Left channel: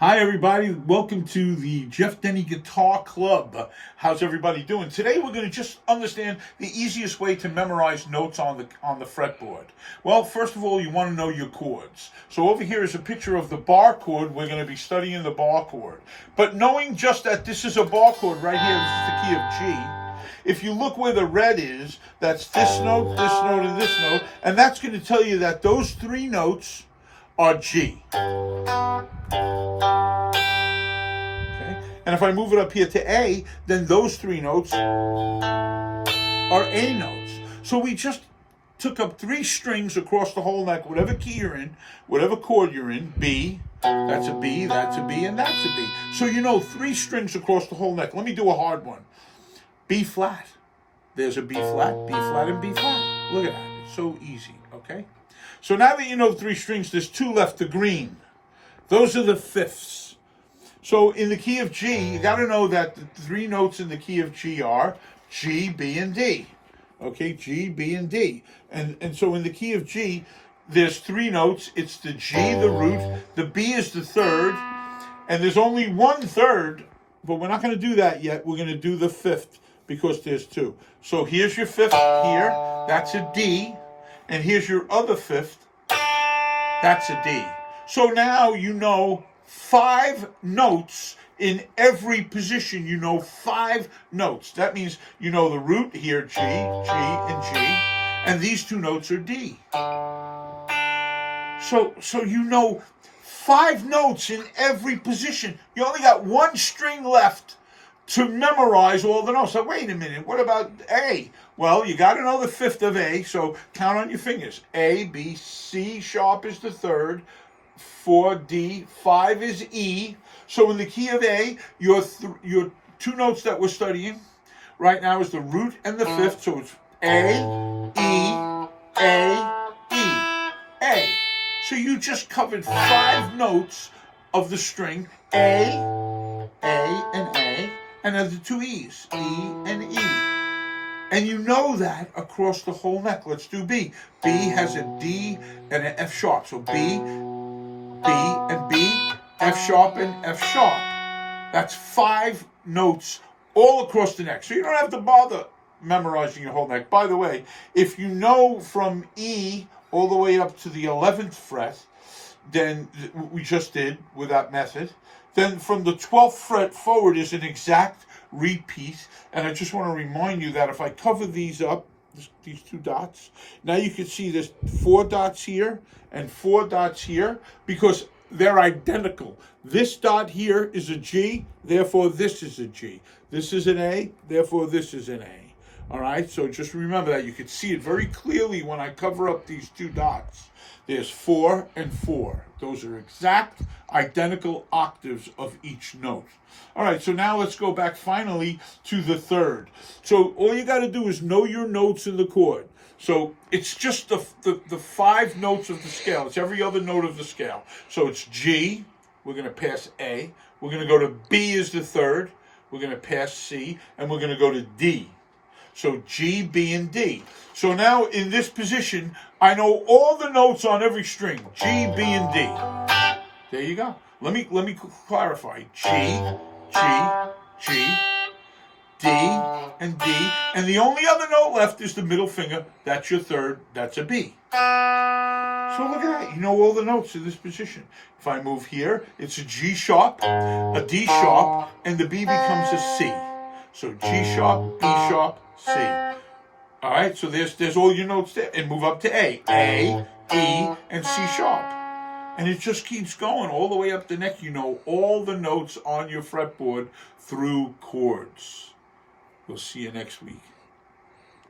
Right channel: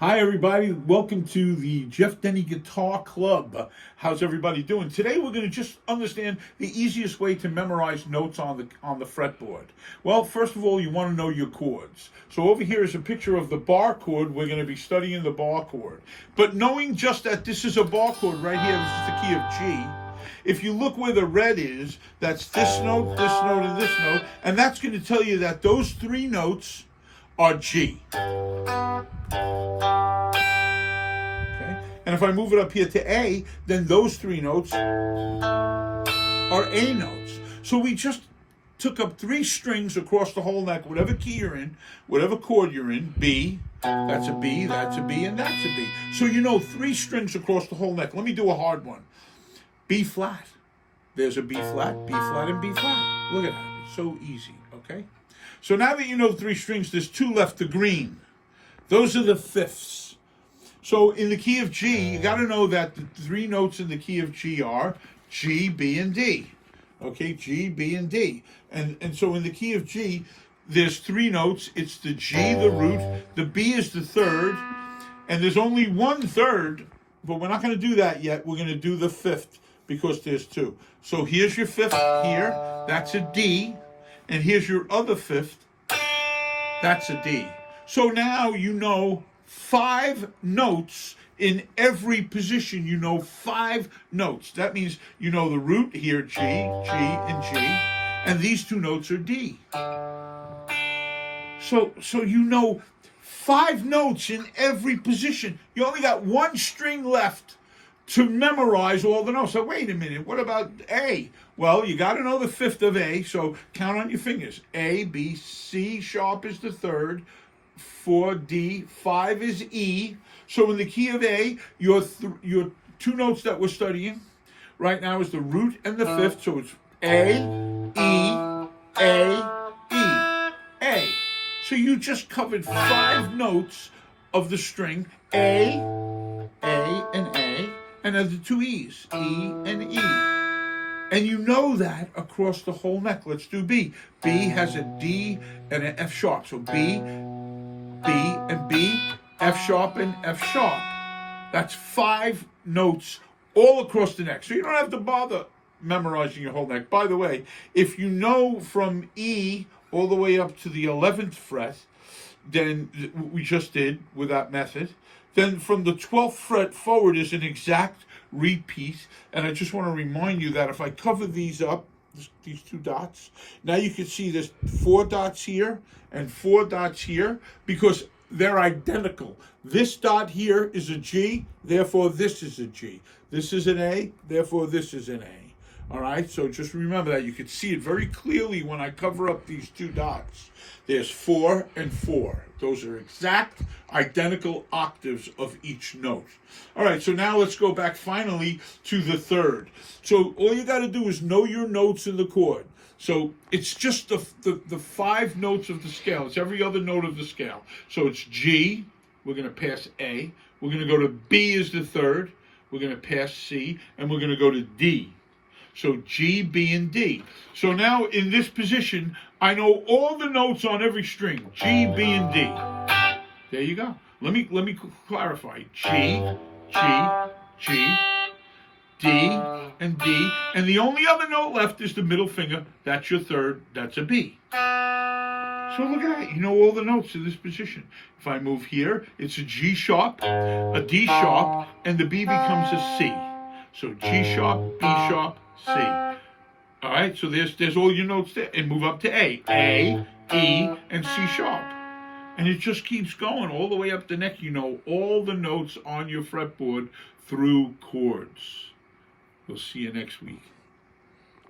Hi, everybody. Welcome to the Jeff Denny Guitar Club. How's everybody doing? Today, we're going to just understand the easiest way to memorize notes on the fretboard. Well, first of all, you want to know your chords. So over here is a picture of the bar chord. We're going to be studying the bar chord. But knowing just that this is a bar chord right here, this is the key of G. If you look where the red is, that's this note, and this note, and that's going to tell you that those three notes are G. And if I move it up here to A, then those three notes are A notes. So we just took up three strings across the whole neck, whatever key you're in, whatever chord you're in, B, that's a B, that's a B, and that's a B. So you know three strings across the whole neck. Let me do a hard one. B flat. There's a B flat, and B flat. Look at that. It's so easy, okay? So now that you know three strings, there's two left, the green. Those are the fifths. So in the key of G, you got to know that the three notes in the key of G are G, B, and D. Okay, G, B, and D. And so in the key of G, there's three notes. It's the G, the root, the B is the third, and there's only one third, but we're not going to do that yet. We're going to do the fifth because there's two. So here's your fifth here. That's a D. And here's your other fifth. That's a D. So now you know 5 notes in every position. You know 5 notes. That means you know the root here, G, G, and G, and these two notes are D. So you know 5 notes in every position. You only got one string left to memorize all the notes. So wait a minute, what about A? Well, you got to know the fifth of A, so count on your fingers. A, B, C sharp is the third, 4, D, 5 is E. So in the key of A, your two notes that we're studying right now is the root and the fifth. So it's A, E, A, E, A. So you just covered 5 notes of the string A, and A, and then the two E's, E and E. And you know that across the whole neck. Let's do B. B has a D and an F sharp. So B, and B, F sharp, and F sharp. That's 5 notes all across the neck. So you don't have to bother memorizing your whole neck. By the way, if you know from E all the way up to the 11th fret, then we just did with that method, then from the 12th fret forward is an exact repeat. And I just want to remind you that if I cover these up, these 2 dots, now you can see there's 4 dots here and 4 dots here because they're identical. This dot here is a G, therefore this is a G. This is an A, therefore this is an A. All right, so just remember that. You can see it very clearly when I cover up these 2 dots. There's 4 and 4. Those are exact, identical octaves of each note. All right, so now let's go back finally to the third. So all you got to do is know your notes in the chord. So it's just the 5 notes of the scale. It's every other note of the scale. So it's G. We're going to pass A. We're going to go to B as the third. We're going to pass C. And we're going to go to D. So G, B, and D. So now in this position, I know all the notes on every string. G, B, and D. There you go. Let me clarify. G, G, D, and D. And the only other note left is the middle finger. That's your third. That's a B. So look at that. You know all the notes in this position. If I move here, it's a G sharp, a D sharp, and the B becomes a C. So G sharp, B sharp, C. All right, so there's all your notes there. And move up to A. A, E, and C sharp. And it just keeps going all the way up the neck. You know all the notes on your fretboard through chords. We'll see you next week.